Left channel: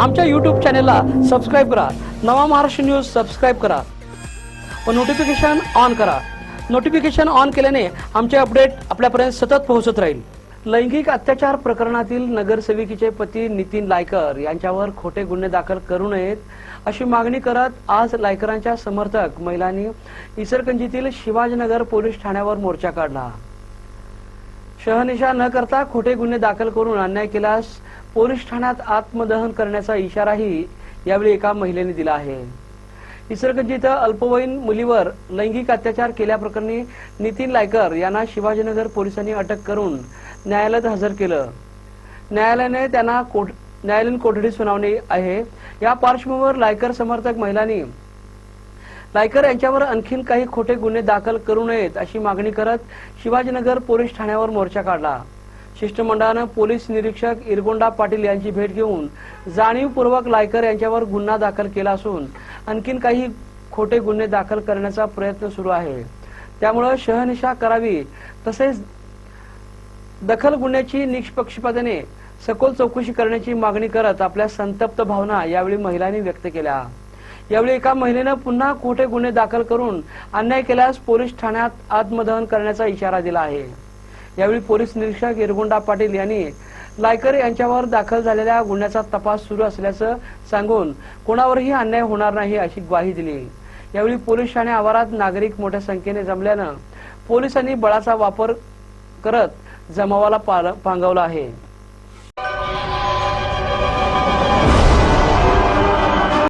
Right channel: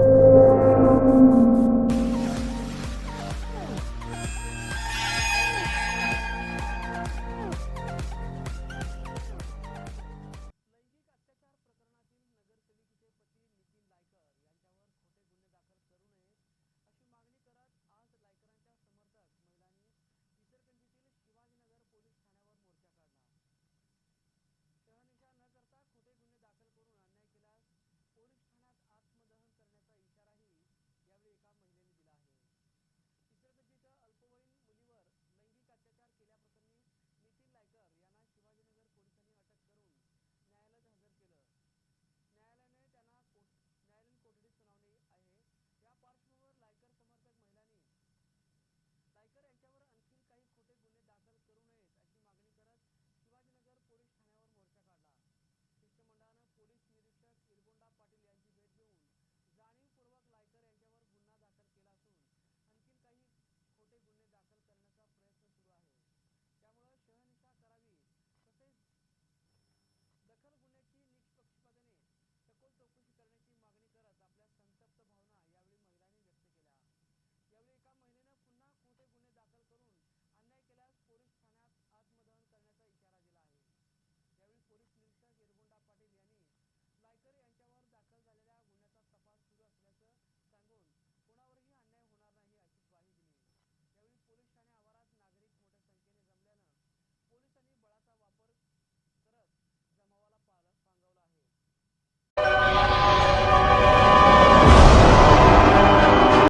आमच्या यूट्यूब चॅनेलला सबस्क्राईब करा. नवा महाराष्ट्र न्यूज सबस्क्राईब करा. व नोटिफिकेशन ऑन करा. नोटिफिकेशन ऑन केल्याने आमचे अपडेट आपल्यापर्यंत सतत पोहोचत राहील. लैंगिक अत्याचार प्रकरणातील नगरसेविकेचे पती नितीन लायकर यांच्यावर खोटे गुन्हे दाखल करू नयेत अशी मागणी करत आज लायकरांच्या समर्थक महिलांनी इसरगंजीतील शिवाजीनगर पोलीस ठाण्यावर मोर्चा काढला. शहनिशा न करता खोटे गुन्हे दाखल करून अन्याय केल्यास पोलीस ठाण्यात आत्मदहन करण्याचा इशाराही यावेळी एका महिलेने दिला आहे. इसरगंजी इथं अल्पवयीन मुलीवर लैंगिक अत्याचार केल्याप्रकरणी नितीन लायकर यांना शिवाजीनगर पोलिसांनी अटक करून न्यायालयात हजर केलं. न्यायालयाने त्यांना कोठ न्यायालयीन कोठडी सुनावणी आहे. या पार्श्वभूमीवर लायकर समर्थक महिलांनी लायकर यांच्यावर आणखीन काही खोटे गुन्हे दाखल करू नयेत अशी मागणी करत शिवाजीनगर पोलीस ठाण्यावर मोर्चा काढला. शिष्टमंडळानं पोलीस निरीक्षक इरगोंडा पाटील यांची भेट घेऊन जाणीवपूर्वक लायकर यांच्यावर गुन्हा दाखल केला असून आणखीन काही खोटे गुन्हे दाखल करण्याचा प्रयत्न सुरू आहे. त्यामुळं शहनिशा करावी तसेच दखल गुन्ह्याची निष्पक्षपातीने सखोल चौकशी करण्याची मागणी करत आपल्या संतप्त भावना यावेळी महिलांनी व्यक्त केल्या. यावेळी एका महिलेनं पुन्हा खोटे गुन्हे दाखल करून अन्याय केल्यास पोलीस ठाण्यात आत्मदहन करण्याचा इशारा दिला आहे. यावेळी पोलीस निरीक्षक इरगुंडा पाटील यांनी लायकर यांच्यावर दाखल झालेल्या गुन्ह्याचा तपास सुरू असल्याचं सांगून कोणावरही अन्याय होणार नाही अशी ग्वाही दिली. यावेळी पोलीस ठाणे आवारात नागरिक मोठ्या संख्येने जमल्यानं पोलिसांनी बळाचा वापर करत जमावाला पाल- पांगवला आहे.